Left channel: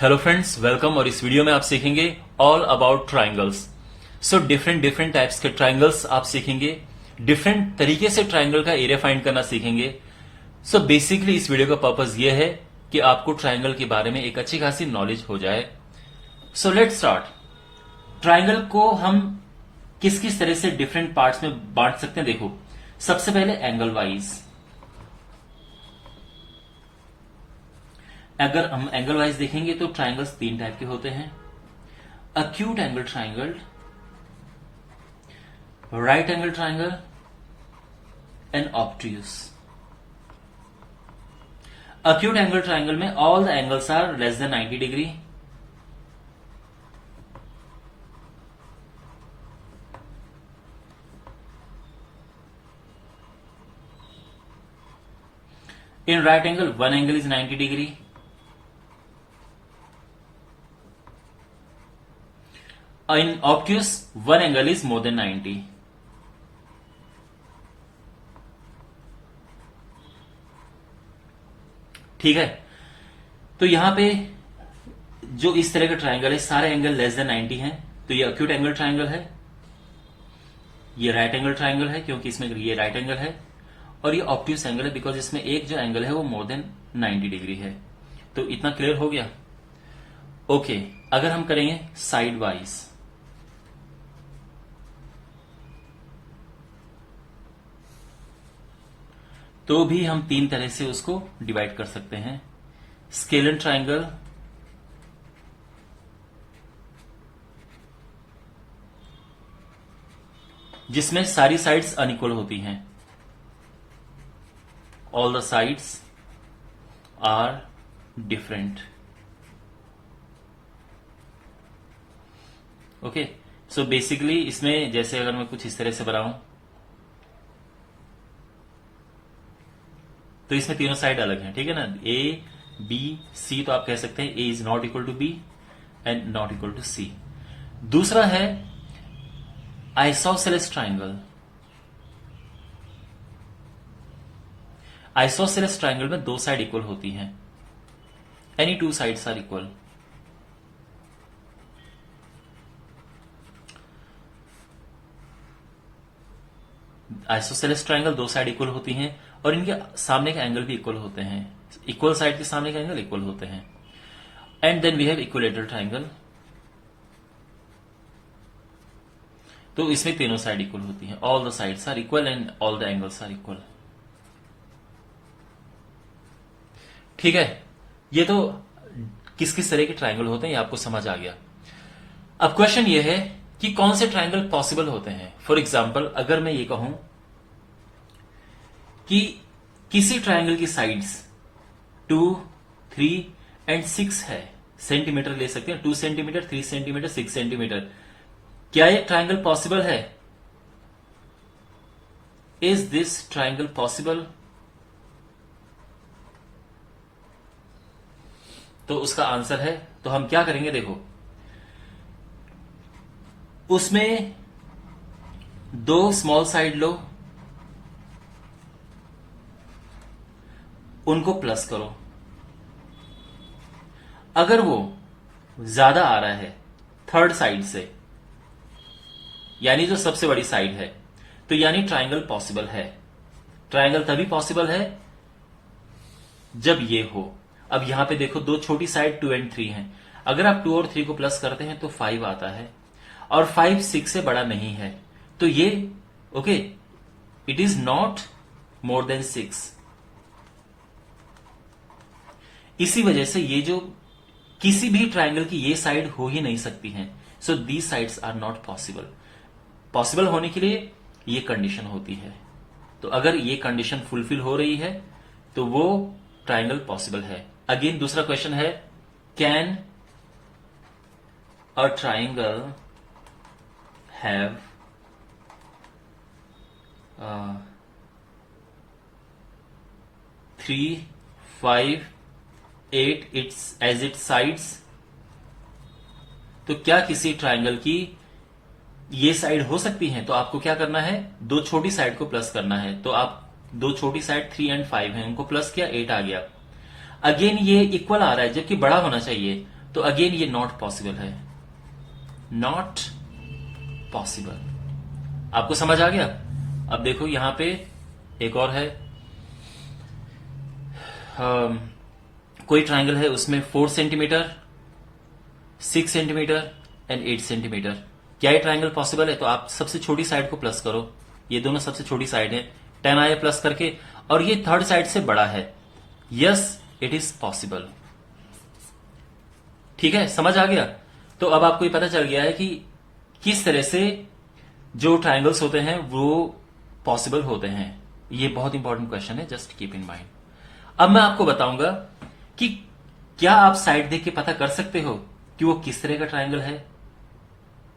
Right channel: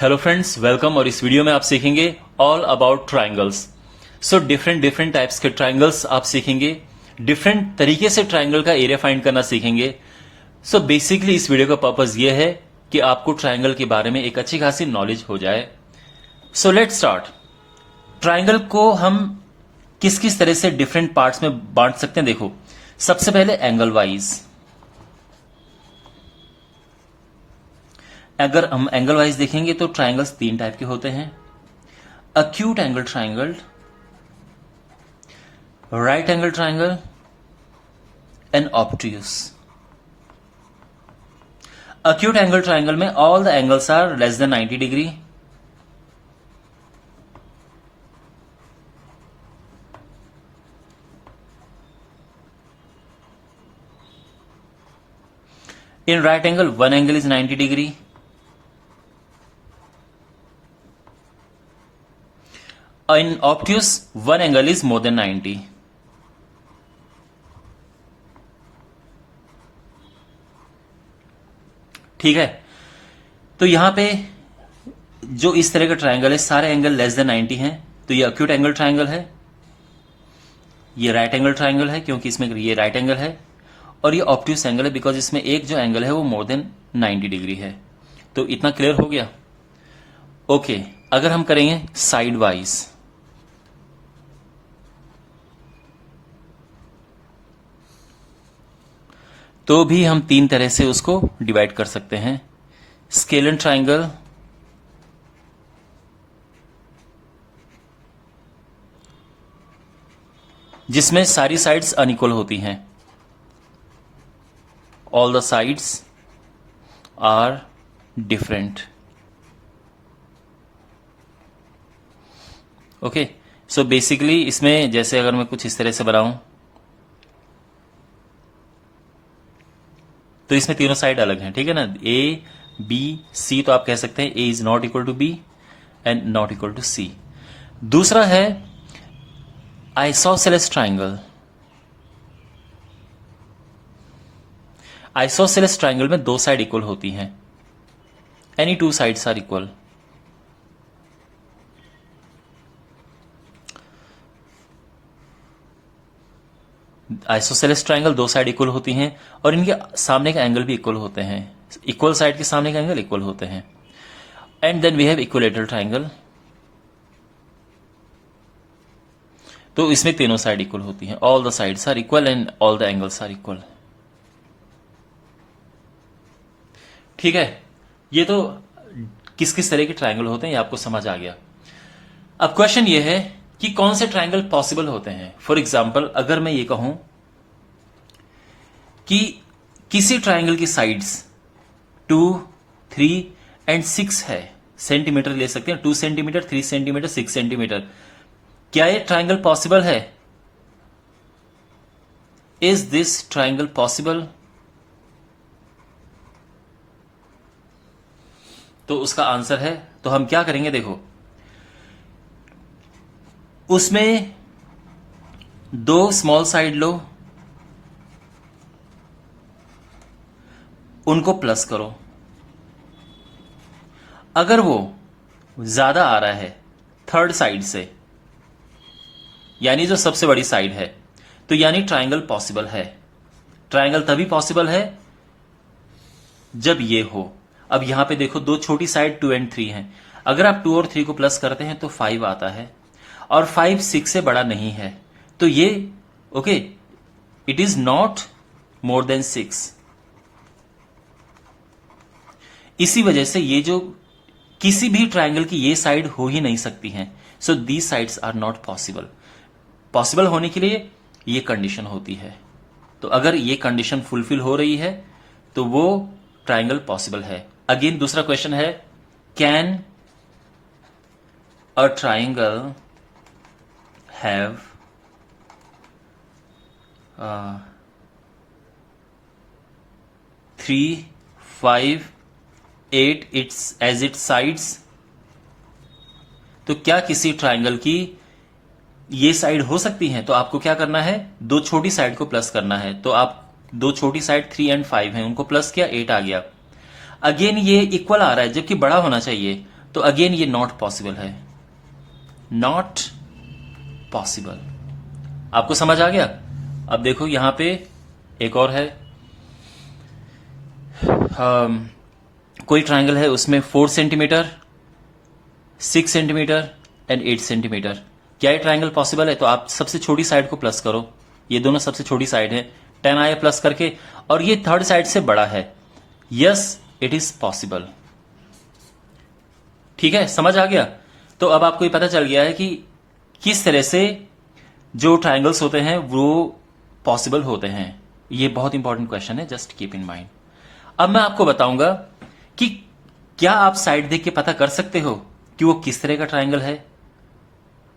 Hello friends, welcome. और इस video में आप सीखेंगे all about triangles. So different types के ट्राइंगल्स आप सीखेंगे, डिफरेंट तरीके से ट्राइंगल का एरिया फाइंड करना सीखेंगे। सो बेसिकली इस वीडियो का पर्पस ये है कि आपको ट्राइंगल के बारे में एक अच्छी खासी नॉलेज हो जाए। So let's start. ट्राइंगल को हम किस किस तरह से डिफरेंट पार्ट्स में बांट सकते हैं, देखो। सबसे पहले एंगल वाइज। अगर हम एंगल वाइज देखेंगे तो ट्राइंगल्स तीन टाइप के होते हैं: acute angle triangle, right angle triangle and obtuse. Acute angle triangle में all the angles are less than 90 degree. In right angle, one angle is 90 degree. In obtuse, one angle is more than 90. ठीक है, तो यहां पे जो इस तरह का ट्राइंगल है, सारे एंगल लेस देन 90 हैं, तो ये अक्यूट एंगल ट्राइंगल है। ये राइट एंगल ट्राइंगल है क्योंकि इसमें ये राइट एंगल है, और ये ऑब्ट्यूस एंगल है बिकॉज इसमें एक जो एंगल है वो मोर देन 90 डिग्री है। तो इतना क्लियर हो गया। ओके, अगर हम करेंगे साइड वाइज, तो भी हम तीन तरह से उसको डिवाइड कर सकते हैं: स्केलन ट्राइंगल, जिसमें सारी साइड्स अनइक्वल होती हैं, all the sides are different. Okay, so basically इसमें जैसे अगर मैं कुछ इस तरह से बनाऊं तो इसमें तीनों साइड अलग हैं, ठीक है ना। ए बी सी, तो आप कह सकते हैं A is not equal to B and not equal to C. दूसरा है आइसोसेलेस ट्राइंगल। आइसोसेलेस ट्राइंगल में दो साइड इक्वल होती हैं, any two sides are equal. Isosceles triangle दो साइड इक्वल होती हैं और इनके सामने के एंगल भी इक्वल होते हैं। इक्वल साइड के सामने के एंगल इक्वल होते हैं। And then we have equilateral triangle, तो इसमें तीनों साइड इक्वल होती हैं, all the sides are equal and all the angles are equal. ठीक है, ये तो किस किस तरह के ट्राइंगल होते हैं ये आपको समझ आ गया। अब क्वेश्चन ये है कि कौन से ट्राइंगल पॉसिबल होते हैं। फॉर एग्जाम्पल, अगर मैं ये कहूं कि किसी ट्राइंगल की साइड्स 2, 3 एंड 6 है, सेंटीमीटर ले सकते हैं, 2 सेंटीमीटर, 3 सेंटीमीटर, 6 सेंटीमीटर, क्या ये ट्राइंगल पॉसिबल है? Is this triangle possible? तो उसका आंसर है, तो हम क्या करेंगे, देखो, उसमें दो स्मॉल साइड लो, उनको प्लस करो। अगर वो ज्यादा आ रहा है थर्ड साइड से, यानी जो सबसे बड़ी साइड है, तो यानी ट्राइंगल पॉसिबल है। ट्राइंगल तभी पॉसिबल है जब ये हो। अब यहां पे देखो, दो छोटी साइड 2 एंड 3 हैं। अगर आप 2 और 3 को प्लस करते हैं तो 5 आता है, और 5 6 से बड़ा नहीं है, तो ये okay, it is not more than 6। इसी वजह से ये जो किसी भी ट्राइंगल की ये साइड हो ही नहीं सकती हैं। So these sides are not possible. Possible होने के लिए ये कंडीशन होती है। तो अगर ये कंडीशन फुलफिल हो रही है तो वो ट्राइंगल पॉसिबल है। अगेन दूसरा क्वेश्चन है, can a triangle have 3, 5, 8 as its sides? तो क्या किसी ट्राइंगल की ये साइड हो सकती है? तो आपको क्या करना है, दो छोटी साइड को प्लस करना है। तो आप दो छोटी साइड 3 एंड 5 है, उनको प्लस किया, 8 आ गया। अगेन ये इक्वल आ रहा है जबकि बड़ा होना चाहिए, तो अगेन ये नॉट पॉसिबल है, नॉट पॉसिबल। आपको समझ आ गया? अब देखो यहां पे एक और है, कोई ट्राइंगल है, उसमें 4 सेंटीमीटर, 6 सेंटीमीटर एंड 8 सेंटीमीटर। क्या ये ट्राइंगल पॉसिबल है? तो आप सबसे छोटी साइड को प्लस करो, ये दोनों सबसे छोटी साइड है, 10 आया प्लस करके, और ये थर्ड साइड से बड़ा है। Yes, it is possible. ठीक है, समझ आ गया? तो अब आपको ये पता चल गया है कि किस तरह से जो ट्राइंगल्स होते हैं वो पॉसिबल होते हैं। ये बहुत इंपॉर्टेंट क्वेश्चन है, जस्ट कीप इन माइंड। अब मैं आपको बताऊंगा कि क्या आप साइड देख के पता कर सकते हो कि वो किस तरह का ट्राइंगल है।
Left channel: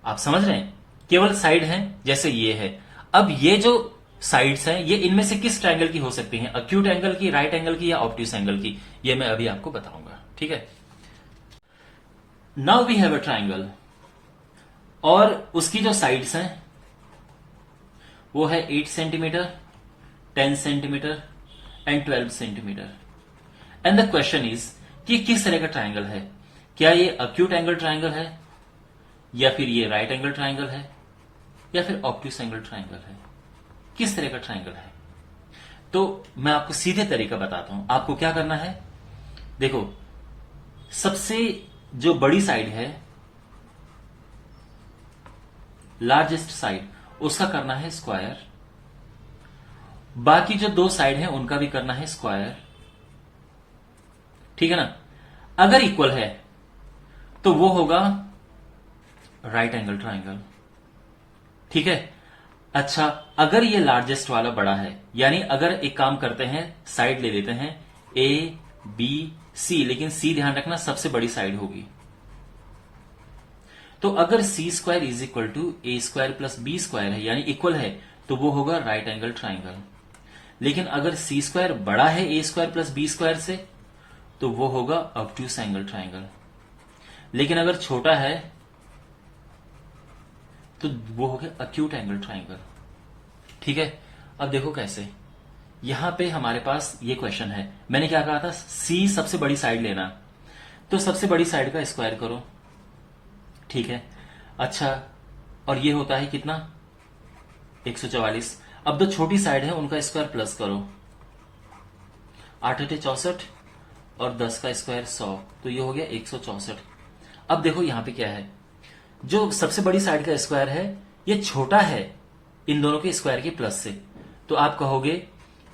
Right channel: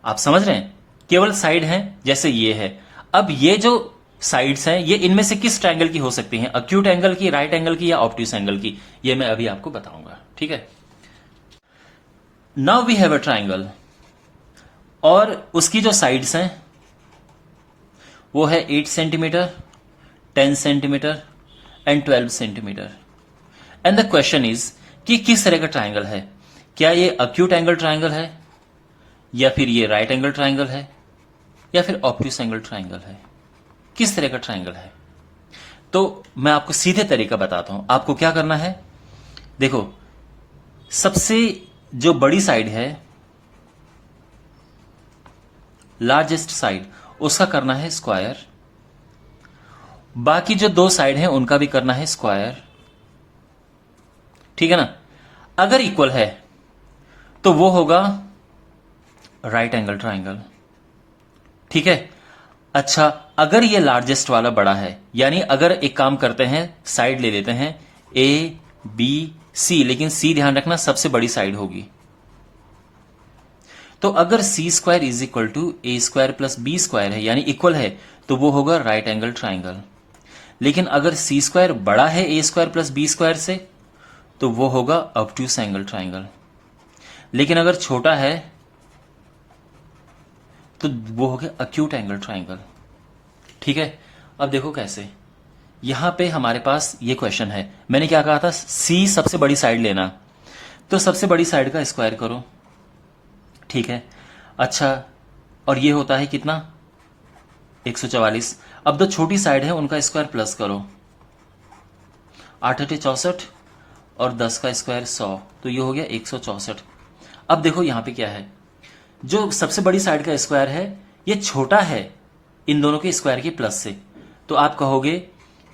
आप समझ रहे हैं? केवल साइड है, जैसे ये है। अब ये जो साइड्स हैं, ये इनमें से किस ट्राइंगल की हो सकती हैं? अक्यूट एंगल की, राइट एंगल की, या ऑब्ट्यूस एंगल की? ये मैं अभी आपको बताऊंगा। ठीक है, now we have a triangle, और उसकी जो साइड्स हैं वो है 8 centimetre, 10 centimetre and 12 centimetre. And the question is कि किस तरह का ट्राइंगल है? क्या ये अक्यूट एंगल ट्राइंगल है, या फिर ये राइट एंगल ट्राइंगल है, या फिर ऑब्ट्यूस एंगल ट्राइंगल है? किस तरह का ट्राइंगल है? तो मैं आपको सीधे तरीका बताता हूं। आपको क्या करना है, देखो, सबसे जो बड़ी साइड है, लार्जेस्ट साइड, उसका करना है स्क्वायर। बाकी जो दो साइड है उनका भी करना है स्क्वायर। ठीक है ना? अगर इक्वल है तो वो होगा राइट एंगल ट्राइंगल। ठीक है? अच्छा, अगर ये लार्जेस्ट वाला बड़ा है, यानी अगर एक काम करते हैं, साइड ले लेते हैं ए बी सी, लेकिन सी ध्यान रखना सबसे बड़ी साइड होगी। तो अगर C square is equal to A square plus B square है, यानी इक्वल है, तो वो होगा राइट एंगल ट्राइंगल। लेकिन अगर सी स्क्वायर बड़ा है ए स्क्वायर प्लस बी स्क्वायर से, तो वो होगा ऑब्ट्यूस एंगल ट्राइंगल। लेकिन अगर छोटा है तो वो हो गया अक्यूट एंगल ट्राइंगल। ठीक है? अब देखो कैसे, यहां पे हमारे पास ये क्वेश्चन है, मैंने क्या कहा था, सी सबसे बड़ी साइड लेना, तो सबसे बड़ी साइड का स्क्वायर करो। ठीक है? अच्छा, और ये होता है कितना, 144। अब जो छोटी साइड है उनका स्क्वायर प्लस करो, 8 8 64 और 10 का स्क्वायर 100, तो ये हो गया 164। अब देखो यहां पे क्या है, जो सबसे बड़ी साइड का स्क्वायर है ये छोटा है इन दोनों के स्क्वायर के प्लस से, तो आप कहोगे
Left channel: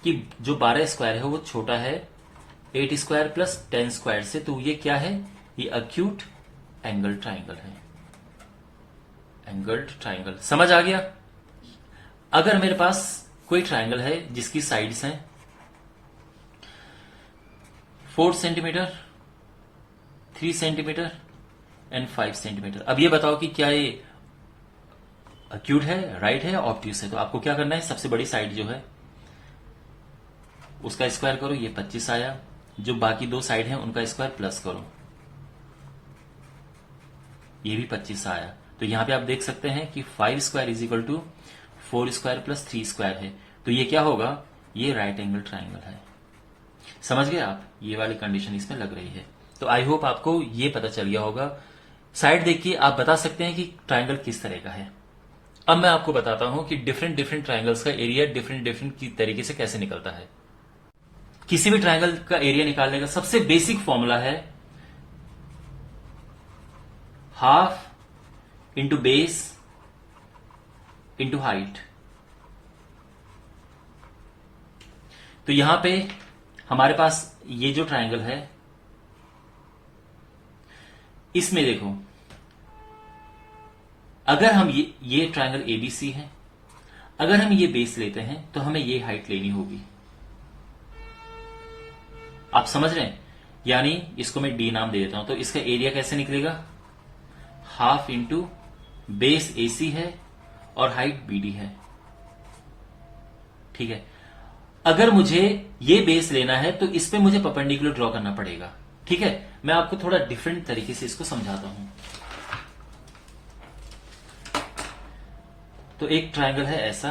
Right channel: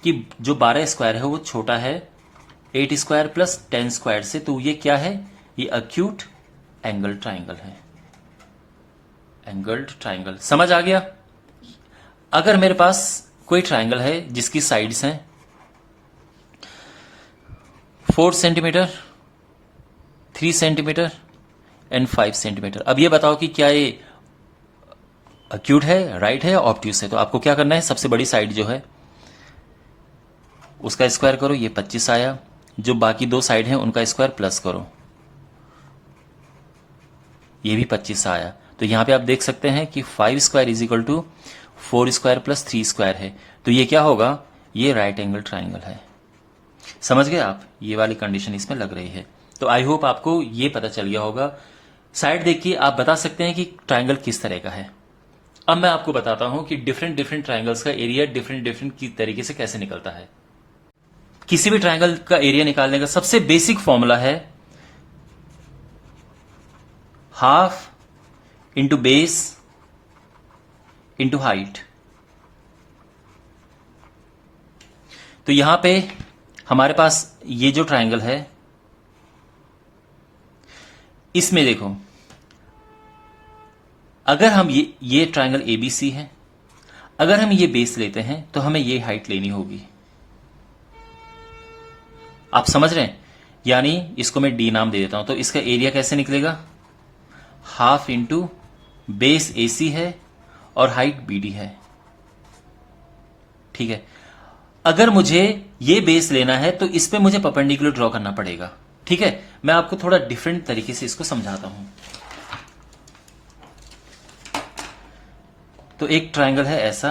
कि जो 12 स्क्वायर है वो छोटा है 8 स्क्वायर प्लस 10 स्क्वायर से, तो ये क्या है, ये अक्यूट एंगल ट्राइंगल है। एंगल्ड ट्राइंगल, समझ आ गया? अगर मेरे पास कोई ट्राइंगल है जिसकी साइड्स हैं 4 सेंटीमीटर, 3 सेंटीमीटर एंड 5 सेंटीमीटर, अब ये बताओ कि क्या ये अक्यूट है, राइट है या ऑब्ट्यूस है? तो आपको क्या करना है, सबसे बड़ी साइड जो है उसका स्क्वायर करो, ये 25 आया। जो बाकी दो साइड हैं उनका स्क्वायर प्लस करो, ये भी 25 आया। तो यहां पे आप देख सकते हैं कि 5 square is equal to 4 square plus 3 square है, तो ये क्या होगा, ये राइट एंगल ट्राइंगल है। समझ गए आप? ये वाली कंडीशन इसमें लग रही है। तो आई होप आपको ये पता चल गया होगा। साइड देखिए, आप बता सकते हैं कि ट्राइंगल किस तरह का है। अब मैं आपको बताता हूं कि डिफरेंट डिफरेंट ट्राइंगल्स का एरिया डिफरेंट डिफरेंट की तरीके से कैसे निकलता है। किसी भी ट्राइंगल का एरिया निकालने का सबसे बेसिक फॉर्मूला है half into base into height. तो यहां पे हमारे पास ये जो ट्राइंगल है, इसमें देखो, अगर हम ये ट्राइंगल एबीसी है, अगर हम ये बेस लेते हैं तो हमें ये हाइट लेनी होगी। आप समझ रहे हैं? यानी इसको मैं डी नाम दे देता हूं, तो इसका एरिया कैसे निकलेगा, हाफ इंटू बेस एसी है और हाइट बीडी है। ठीक है? अगर मुझे ये बेस लेना है तो इस पे मुझे परपेंडिकुलर ड्रॉ करना पड़ेगा। ठीक है? मैं आपको थोड़ा डिफरेंट तरीके से इसको समझाता हूं। तो एक ट्राइंगल है ऐसा,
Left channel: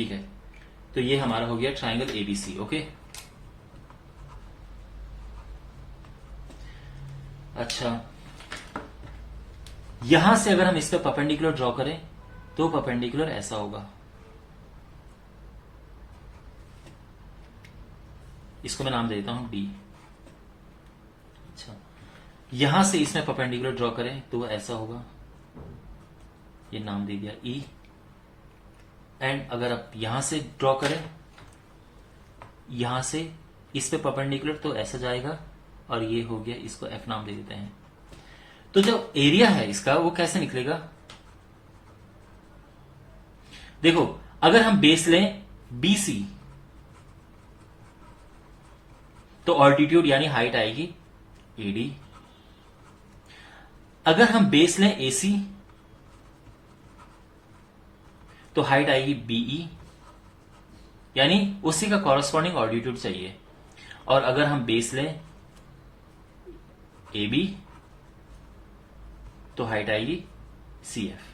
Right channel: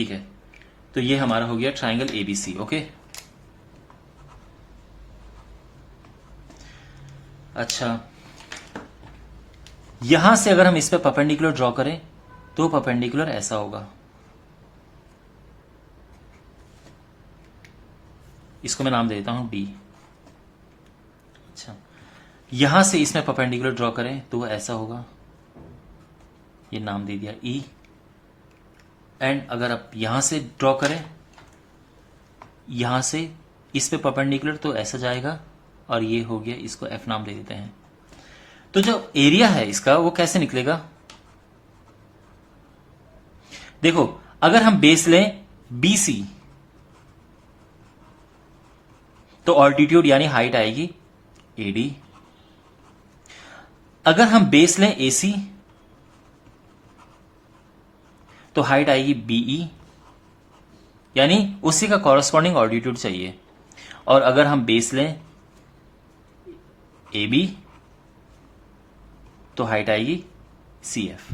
ठीक है, तो ये हमारा हो गया ट्राइंगल एबीसी। ओके, अच्छा, यहां से अगर हम इस पे परपेंडिकुलर ड्रॉ करें तो परपेंडिकुलर ऐसा होगा। इसको मैं नाम दे देता हूं डी। अच्छा, यहां से इसमें परपेंडिकुलर ड्रॉ करें तो ऐसा होगा, ये नाम दे दिया ई। एंड अगर आप यहां से ड्रॉ करें, यहां से इस पे परपेंडिकुलर तो ऐसा जाएगा, और ये हो गया, इसको एफ नाम दे देते हैं। तो जो एरिया है इसका वो कैसे निकलेगा, देखो, अगर हम बेस लें बीसी तो ऑल्टीट्यूड यानी हाइट आएगी एडी। अगर हम बेस लें एसी तो हाइट आएगी बीई, यानी उसी का कॉरस्पॉन्डिंग ऑल्टीट्यूड चाहिए। और अगर हम बेस लें ए बी तो हाइट आएगी सी एफ।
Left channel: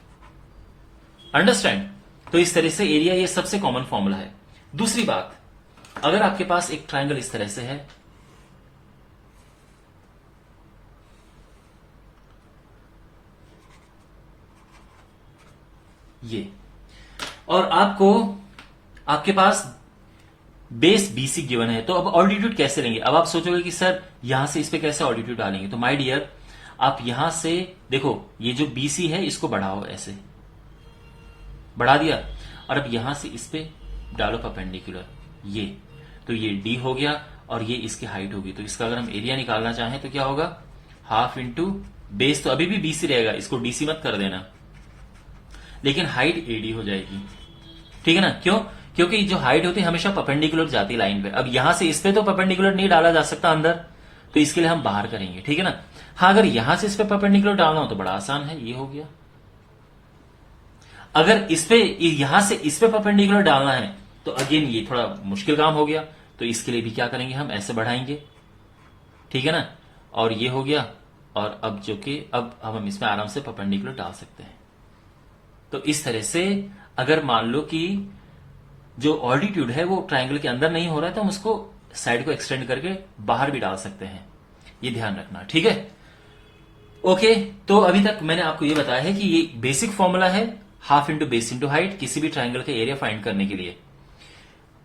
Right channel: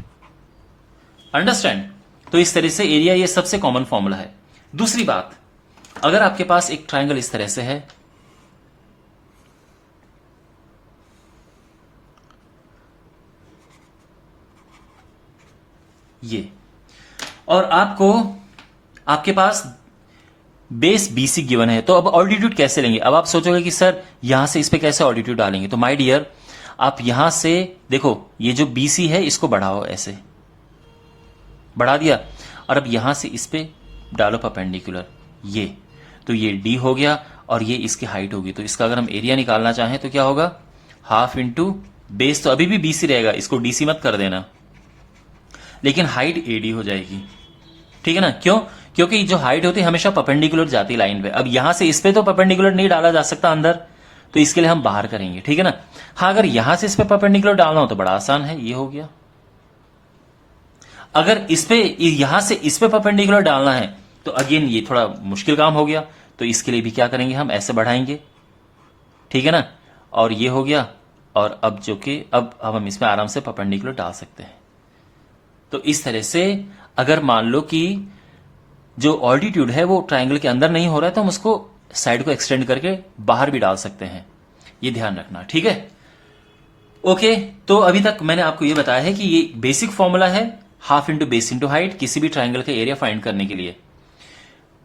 अंडरस्टैंड? तो इस तरह से एरिया, ये सबसे कॉमन फॉर्मूला है। दूसरी बात, अगर आपके पास एक ट्रायंगल इस तरह से है, ये, और आपके पास बेस बीसी गिवन है, तो अब ऑल्टीट्यूड कैसे लेंगे? अब आप सोचोगे कि सर यहां से इस पे कैसे ऑल्टीट्यूड डालेंगे? तो माय डियर, आप यहां से देखो, ये जो बीसी है इसको बढ़ाओ, ऐसे बढ़ा दिया, और अब यहां से इस पे डालो परपेंडिकुलर, ये, तो ये डी हो गया और ये इसकी हाइट होगी। तो इसका अगर हम एरिया निकालना चाहें तो क्या होगा, हाफ इंटू बेस, तो अभी भी बीसी रहेगा, इसको डीसी मत कर देना, लेकिन हाइट एडी हो जाएगी। ठीक है ना? क्यों? क्योंकि जो हाइट होती है हमेशा परपेंडिकुलर जाती है लाइन पे। अब यहां से इस पे तो परपेंडिकुलर नहीं डाला जा सकता अंदर, तो इसके लिए हम बाहर करेंगे। ठीक है ना? हाँ, अगर यहां से इस पे परपेंडिकुलर डालना हो तो बड़ा आसान है, ये हो गया। अगर इस पे, यहां से इस पे परपेंडिकुलर डालना है तो अगेन ये थोड़ा मुश्किल काम हो गया, तो इसके लिए भी क्या करेंगे, हम ऐसे बढ़ाएंगे। ठीक है ना? और ये हो गया, और अब जो कि अब हम इसमें आराम से परपेंडिकुलर डाल सकते हैं। तो इस तरह से अगर मान लो कि जो ऑल्टीट्यूड है वो ट्रायंगल के अंदर नहीं हो रहा है, तो हम उसको साइड को एक्सटेंड करके बाहर भी डाल सकते हैं। ये ध्यान रखना, ठीक है? ओके, तो अभी तक मैंने आपको ये बताया है कि ये बेसिक फॉर्मूला है, half into base into height, किसी भी ट्रायंगल का एरिया फाइंड करने के लिए।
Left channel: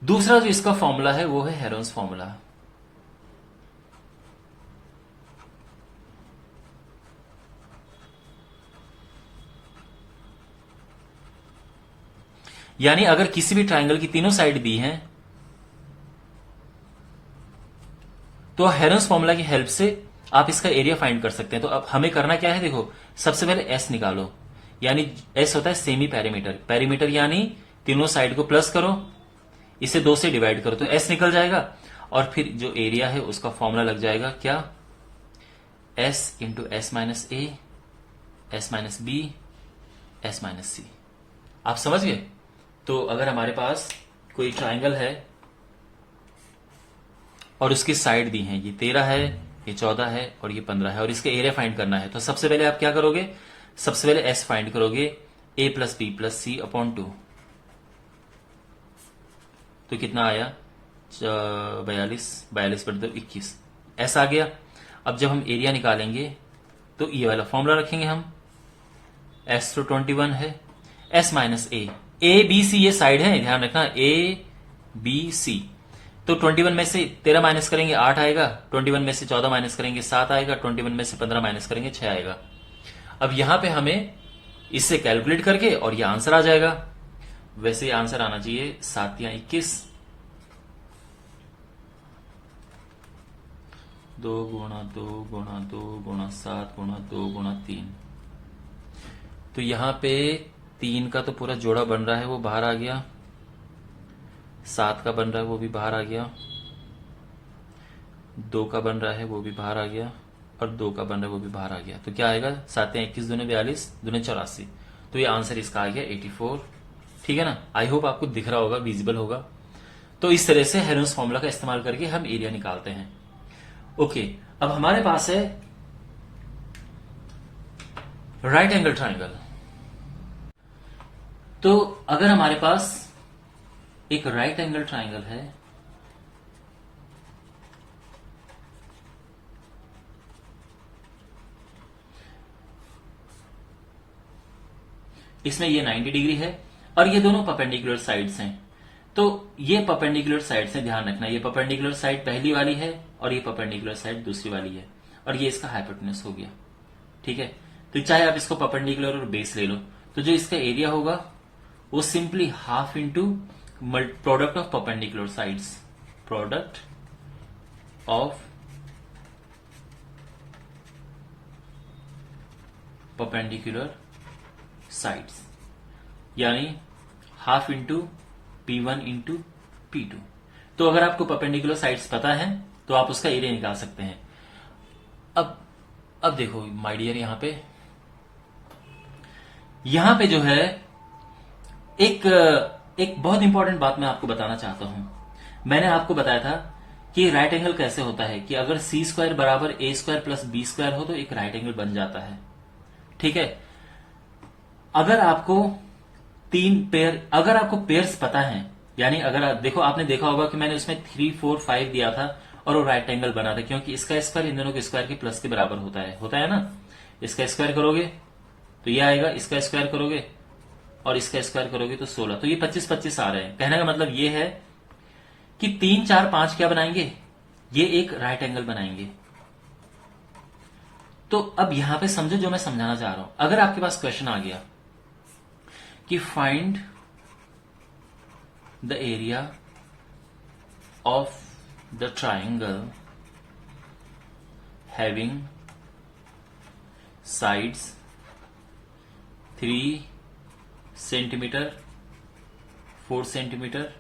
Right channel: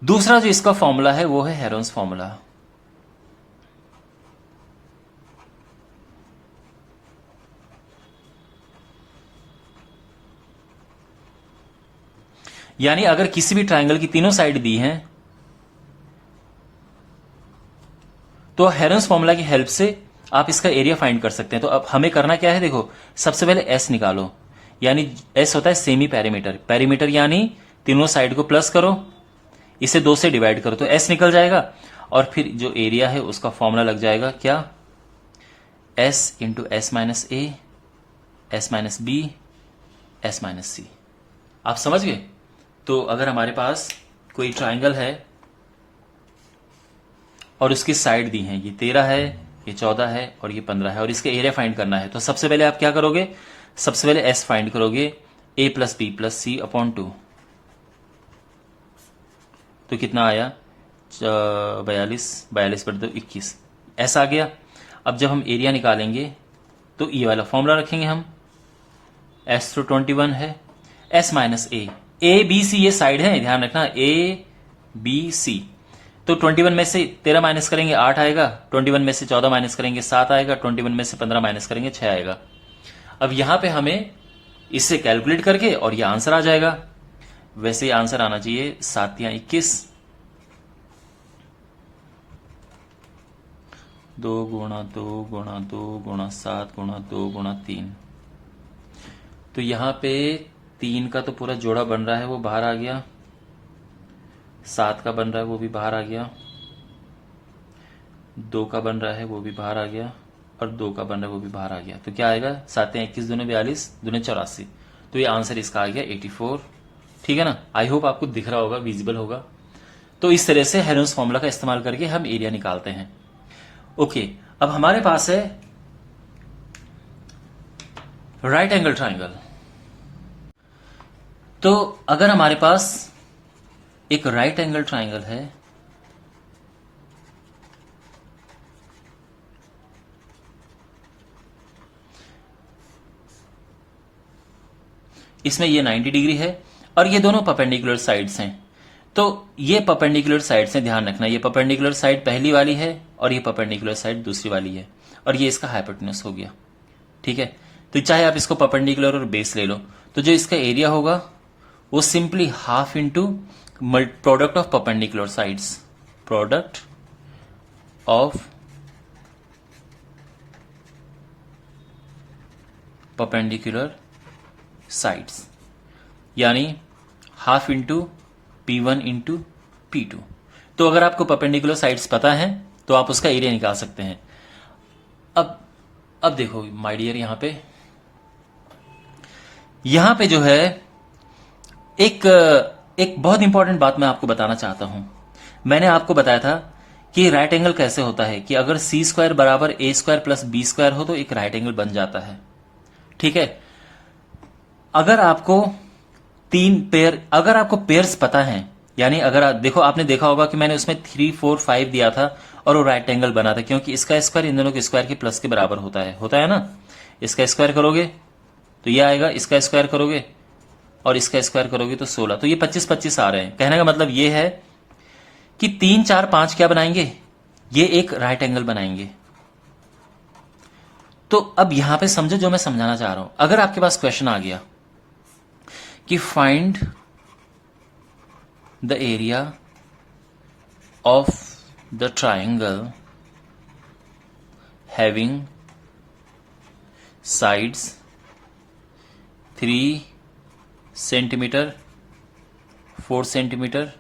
दूसरा जो इसका फॉर्मूला है वो है हेरोन्स फॉर्मूला। यानी अगर किसी भी ट्रायंगल की तीनों साइड दी हैं तो हेरोन्स फॉर्मूला की हेल्प से आप इसका एरिया फाइंड कर सकते हैं। तो अब हमें करना क्या है, देखो, सबसे पहले एस निकालो, यानी एस होता है सेमी पेरीमीटर। पेरीमीटर यानी तीनों साइड को प्लस करो, इसे 2 से डिवाइड करो तो एस निकल जाएगा, और फिर जो एरिया है उसका फॉर्मूला लग जाएगा क्या, S into S minus A, S minus B, S minus C. आप समझ गए? तो अगर हमारे पास कोई ट्रायंगल है और उसकी साइड दी है, ये 13 है, ये 14 है और ये 15 है, और इसका एरिया फाइंड करना है, तो सबसे पहले आप क्या करोगे, सबसे पहले एस फाइंड करोगे, ए प्लस बी प्लस सी अपॉन 2, तो कितना आया, 42 बटे 2 21, एस आ गया। अब जब हम एरिया निकालेंगे तो ये वाला फॉर्मूला रखेंगे हम, एस तो 21 है, S minus A B C ये साइड है, ध्यान रखना, ए बी सी। तो 21 में से 13 माइनस करेंगे 8 आएगा, 21 में से 14 माइनस करेंगे 7 आएगा, 21 में से 15 माइनस करेंगे 6 आएगा। अब यहां पे हमें इससे कैलकुलेट करके और ये आंसर आ जाएगा। वैसे ये आंसर आना चाहिए 7 या 21, 2 गुणा 2 गुणा 2 गुणा 7 गुणा 2 गुणा 3। तो यहां पे 3 का तो पूरा जोड़ा बन रहा है, वो बाहर आ गया, 7 का बन रहा है वो भी बाहर आ गया, 2 का बन रहा है वो भी बाहर आ गया, और 2 का बन रहा है वो भी बाहर आ गया। तो क्या आएगा, 7 या 21 दूने 42 दूने 84। तो ये आंसर इसका आ गया 84। ठीक है ना? आई होप आपको दिख रहा होगा, विजिबल होगा। तो इस तरह से हेरोन्स फॉर्मूला का इस्तेमाल करके हम एरिया निकालते हैं। ओके, अब हमारे पास है राइट एंगल ट्रायंगल। तो अगर हमारे पास एक राइट एंगल ट्राइंगल है इसमें ये 90 डिग्री है और ये दोनों परपेंडिकुलर साइड्स हैं। तो ये परपेंडिकुलर साइड्स हैं, ध्यान रखना, ये परपेंडिकुलर साइड पहली वाली है और ये परपेंडिकुलर साइड दूसरी वाली है और ये इसका हाइपोटेन्यूज हो गया। ठीक है, तो चाहे आप इसको परपेंडिकुलर और बेस ले लो, तो जो इसका एरिया होगा वो simply half into product of perpendicular sides, product of perpendicular sides, यानी half into P1 into P2। तो अगर आपको परपेंडिकुलर साइड्स पता है तो आप उसका एरिया निकाल सकते हैं। अब देखो माय डियर, यहां पे जो है एक बहुत इंपॉर्टेंट बात मैं आपको बताना चाहता हूं। मैंने आपको बताया था कि राइट एंगल कैसे होता है कि अगर सी स्क्वायर बराबर ए स्क्वायर प्लस बी स्क्वायर हो तो एक राइट एंगल बन जाता है। ठीक है, अगर आपको पेयर्स पता है, यानी अगर देखो आपने देखा होगा कि मैंने उसमें 3, 4, 5 दिया था और वो राइट एंगल बना था, क्योंकि इसका स्क्वायर इन दोनों के स्क्वायर के प्लस के बराबर होता है ना। इसका स्क्वायर करोगे तो ये आएगा, इसका स्क्वायर करोगे और इसका स्क्वायर करोगे तो 16, तो ये 25, 25 आ रहे हैं। कहने का मतलब ये है कि 3, 4, 5 क्या बनाएंगे, ये एक राइट एंगल बनाएंगे। तो अब यहां पे समझो जो मैं समझाना चाह रहा हूं। अगर आपके पास क्वेश्चन आ गया कि find the area of the triangle having sides 3 centimetre, 4 centimetre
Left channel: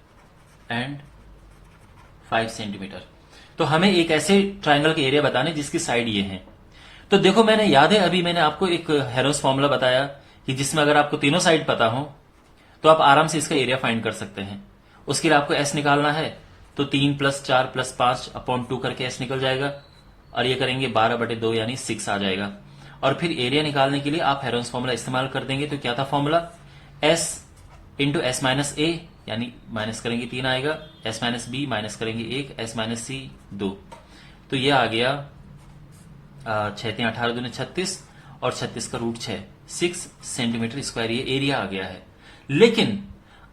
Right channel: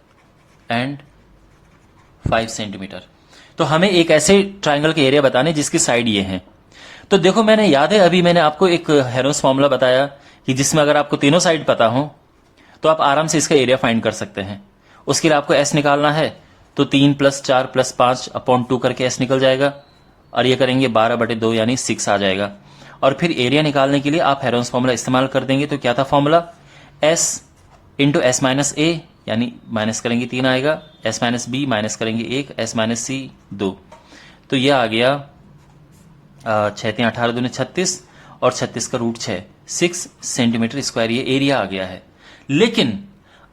and 5 centimetre, तो हमें एक ऐसे ट्राइंगल के एरिया बताने जिसकी साइड ये हैं। तो देखो, मैंने याद है अभी मैंने आपको एक हेरोस फॉर्मूला बताया कि जिसमें अगर आपको तीनों साइड पता हो तो आप आराम से इसका एरिया फाइंड कर सकते हैं। उसके लिए आपको एस निकालना है, तो 3 + 4 + 5 अपॉन 2 करके एस निकल जाएगा और ये करेंगे 12/2 यानी 6 आ जाएगा। और फिर एरिया निकालने के लिए आप हेरोस फॉर्मूला इस्तेमाल कर देंगे। तो क्या था formula, S into S minus A, यानी माइनस करेंगे 3 आएगा, एस माइनस बी माइनस करेंगे 1, एस माइनस सी 2, तो ये आ गया 6 × 18 × 36 और 36 का रूट 6 सेंटीमीटर स्क्वायर, ये एरिया आ गया है। लेकिन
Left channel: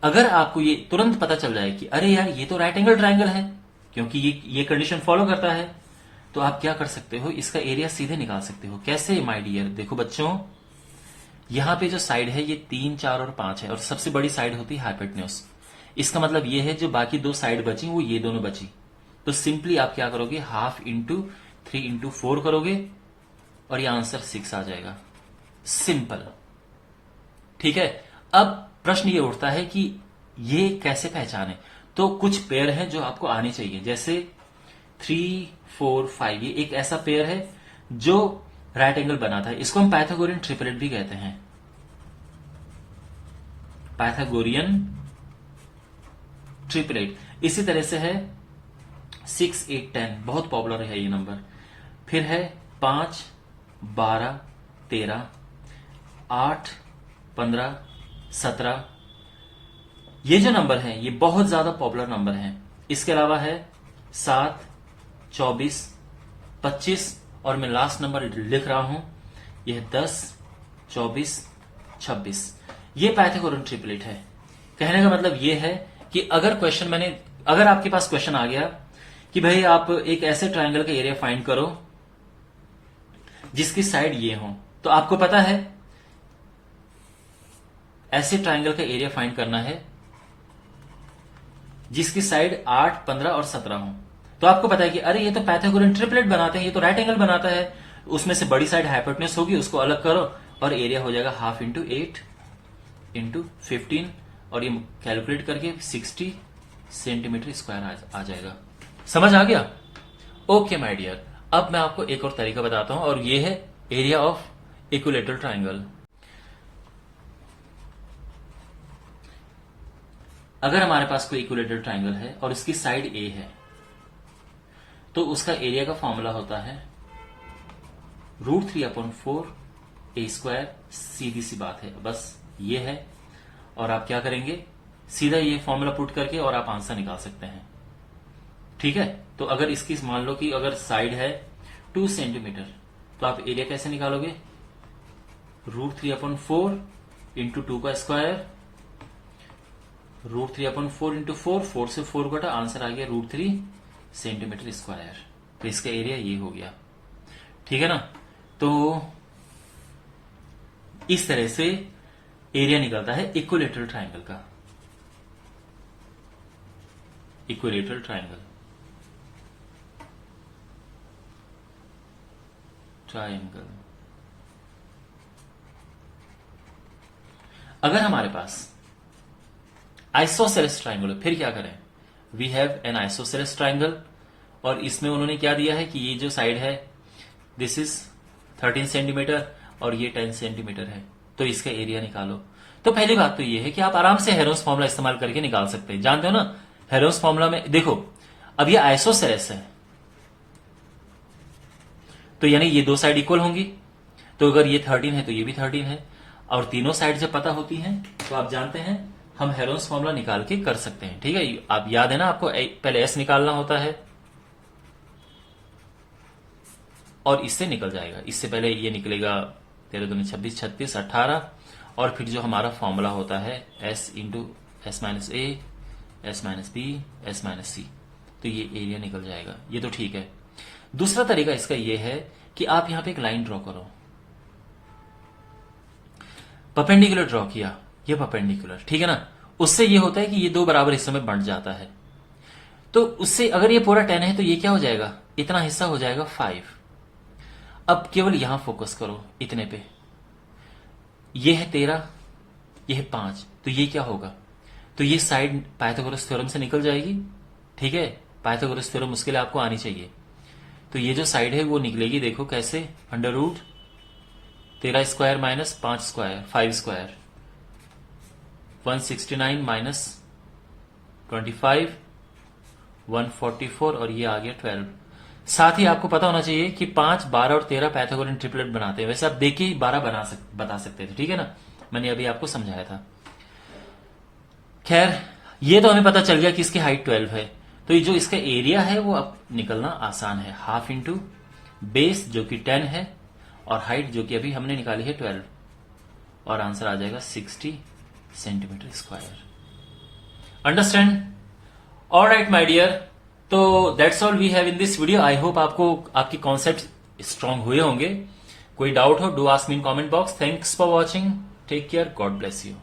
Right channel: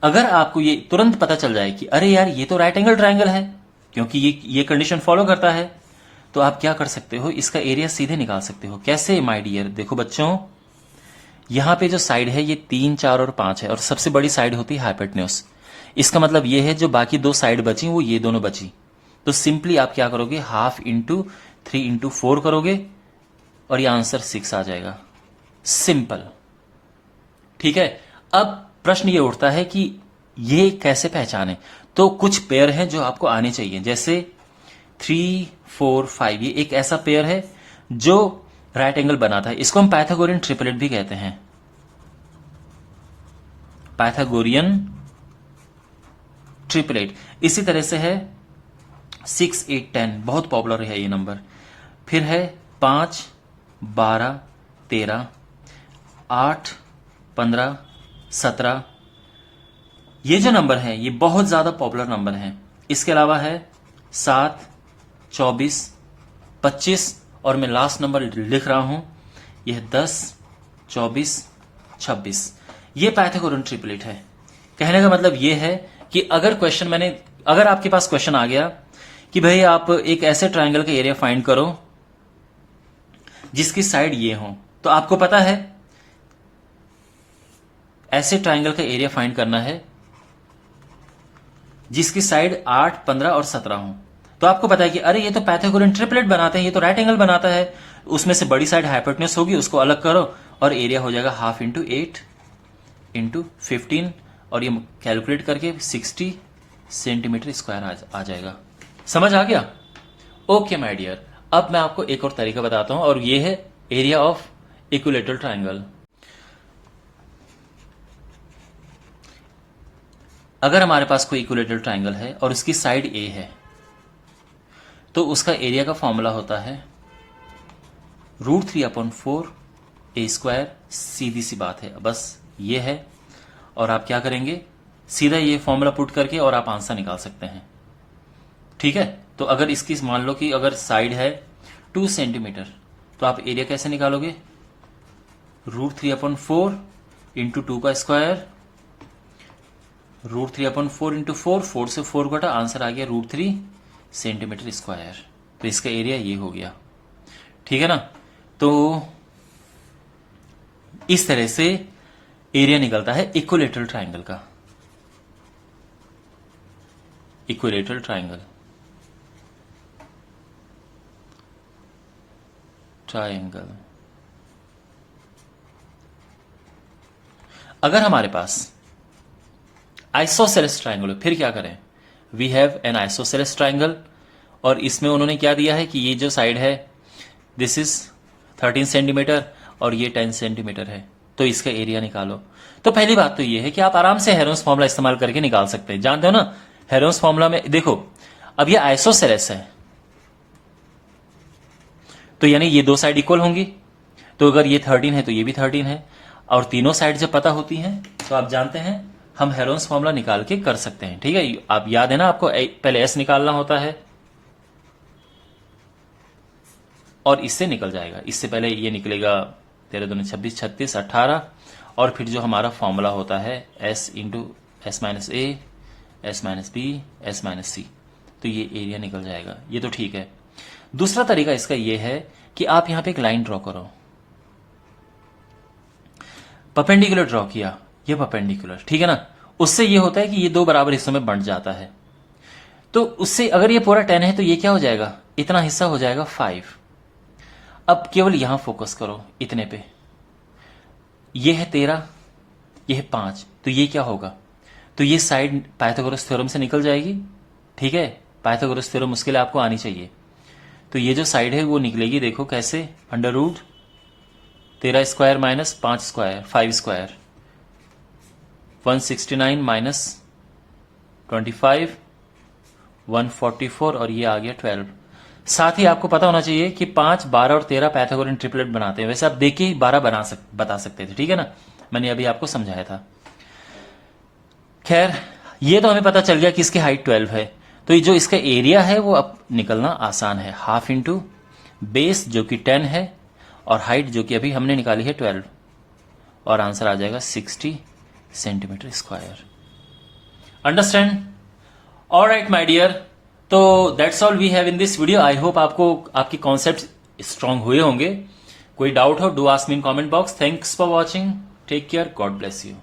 अगर आपको ये तुरंत पता चल जाए कि अरे यार ये तो राइट एंगल ट्राइंगल है, क्योंकि ये कंडीशन फॉलो करता है, तो आप क्या कर सकते हो, इसका एरिया सीधे निकाल सकते हो। कैसे माय डियर, देखो बच्चों, यहां पे जो साइड है ये 3, 4 और 5 है और सबसे बड़ी साइड होती है हाइपोटेन्यूज। इसका मतलब ये है जो बाकी 2 साइड बची वो ये दोनों बची, तो सिंपली आप क्या करोगे, हाफ इंटू 3 इंटू 4 करोगे और ये आंसर 6 आ जाएगा। सिंपल। ठीक है, अब प्रश्न ये उठता है कि ये कैसे पहचाने। तो कुछ पेयर हैं जो आपको आने चाहिए, जैसे 3, 4, 5, ये एक ऐसा पेयर है जो राइट एंगल बनाता है। इसको हम पाइथागोरियन ट्रिपलेट भी कहते हैं, पाइथागोरियन ट्रिपलेट। इसी तरह से है 6, 8, 10, बहुत पॉपुलर है ये नंबर। फिर है 5, 12, 13, 8, 15, 17, ये जो नंबर है ये बहुत ज्यादा पॉपुलर नंबर है। इसके अलावा है 7, 24, 25 और मैं लास्ट नंबर लिख रहा हूं, यह 10, 24, 26, ये पाइथागोरियन ट्रिपलेट है। कहने का मतलब यह है कि अगर आपके पास क्वेश्चन आ गया कि भाई आप एक ऐसे ट्राइंगल का एरिया फाइंड करो जिसकी साइड ये हो, तो आपको पता है ऐसे ट्राइंगल का एरिया फाइंड करना है जिसकी साइड 8, 15 और 17 हो। तो आपको पता है कि अरे ये तो पाइथागोरियन ट्रिपलेट बनाते हैं, ये तो राइट एंगल बनाता है, उसमें से बड़ी साइड हाइपोटेन्यूज होगी, उसको अलग करो और एरिया हो जाएगा हाफ इंटू 8 इंटू 15 और ये कैलकुलेट करके 60 सेंटीमीटर स्क्वायर आ जाएगा। समझ आ गया? ओके माय डियर, अब मैं आपको एक और तरीका बताता हूं और ये है एरिया ऑफ इक्विलेटरल ट्राइंगल। अगर हमारे पास कोई इक्विलेटरल ट्राइंगल है और उसकी साइड ए है, तो उसका एरिया का फॉर्मूला होता है √3/4 a²। सीधी सी बात है, बस ये है। और आप क्या करेंगे, सीधा ये फॉर्मूला पुट करके और आप आंसर निकाल सकते हैं। ठीक है, तो अगर इसकी मान लो कि अगर साइड है 2 सेंटीमीटर, तो आप एरिया कैसे निकालोगे? √3/4 इंटू 2 का स्क्वायर, √3/4 इंटू 4, 4 से 4 कटा, आंसर आ गया √3 सेंटीमीटर स्क्वायर। तो इसका एरिया ये हो गया। ठीक है ना, तो इस तरह से एरिया निकलता है इक्विलेटरल ट्राइंगल का। Equilateral triangle, triangle. अगर हमारे पास आइसोसेलेस ट्राइंगल हो, फिर क्या करें? We have an isosceles triangle, और इसमें उन्होंने क्या दिया है कि ये जो साइड है दिस इज 13 सेंटीमीटर और ये 10 सेंटीमीटर है, तो इसका एरिया निकालो। तो पहली बात तो ये है कि आप आराम से हेरोन्स फॉर्मूला इस्तेमाल करके निकाल सकते हैं। जानते हो ना, हेरोन्स फॉर्मूला में देखो, अब ये आइसोसेलेस है, तो यानी ये दो साइड इक्वल होंगी, तो अगर ये 13 है तो ये भी 13 है, और तीनों साइड जब पता होती हैं तो आप जानते हैं हम हेरोन्स फॉर्मूला निकाल के कर सकते हैं। ठीक है, आप याद है ना, आपको पहले एस निकालना होता है और इससे निकल जाएगा। इससे पहले ये निकलेगा 13 दूनी 26, 36, 18, और फिर जो हमारा फॉर्मूला होता है S into S minus A, S minus B, S minus C, तो ये एरिया निकल जाएगा। ये तो ठीक है। दूसरा तरीका इसका ये है कि आप यहां पे एक लाइन ड्रॉ करो, परपेंडिकुलर ड्रॉ किया, ये परपेंडिकुलर, ठीक है ना, उससे ये होता है कि ये दो बराबर हिस्सों में बंट जाता है। तो उससे अगर ये पूरा 10 है तो ये क्या हो जाएगा? इतना हिस्सा हो जाएगा 5। अब केवल यहां फोकस करो, इतने पे। ये है 13, ये है 5, तो ये क्या होगा? तो ये साइड पाइथागोरस थ्योरम से निकल जाएगी। ठीक है, पाइथागोरस थ्योरम उसके लिए आपको आनी चाहिए। तो ये जो साइड है वो निकलेगी, देखो कैसे, √13 square minus 5 square, 5 square, 169 minus 25, 144, और ये आ गया 12। साथ ही आपको पता होना चाहिए कि 5, 12 और 13 पाइथागोरन ट्रिपलेट बनाते हैं। वैसे आप देख के ही 12 बता सकते थे, ठीक है ना, मैंने अभी आपको समझाया था। खैर, ये तो हमें पता चल गया कि इसकी हाइट 12 है, तो ये जो इसका एरिया है वो अब निकलना आसान है। हाफ इंटू बेस जो कि 10 है, और हाइट जो कि अभी हमने निकाली है 12, और आंसर आ जाएगा 60 centimetre square. Understand? Alright my dear, तो that's all we have in this video. I hope आपको आपके कॉन्सेप्ट स्ट्रांग हुए होंगे। कोई डाउट हो, do ask me in comment box. Thanks for watching, take care, God bless you.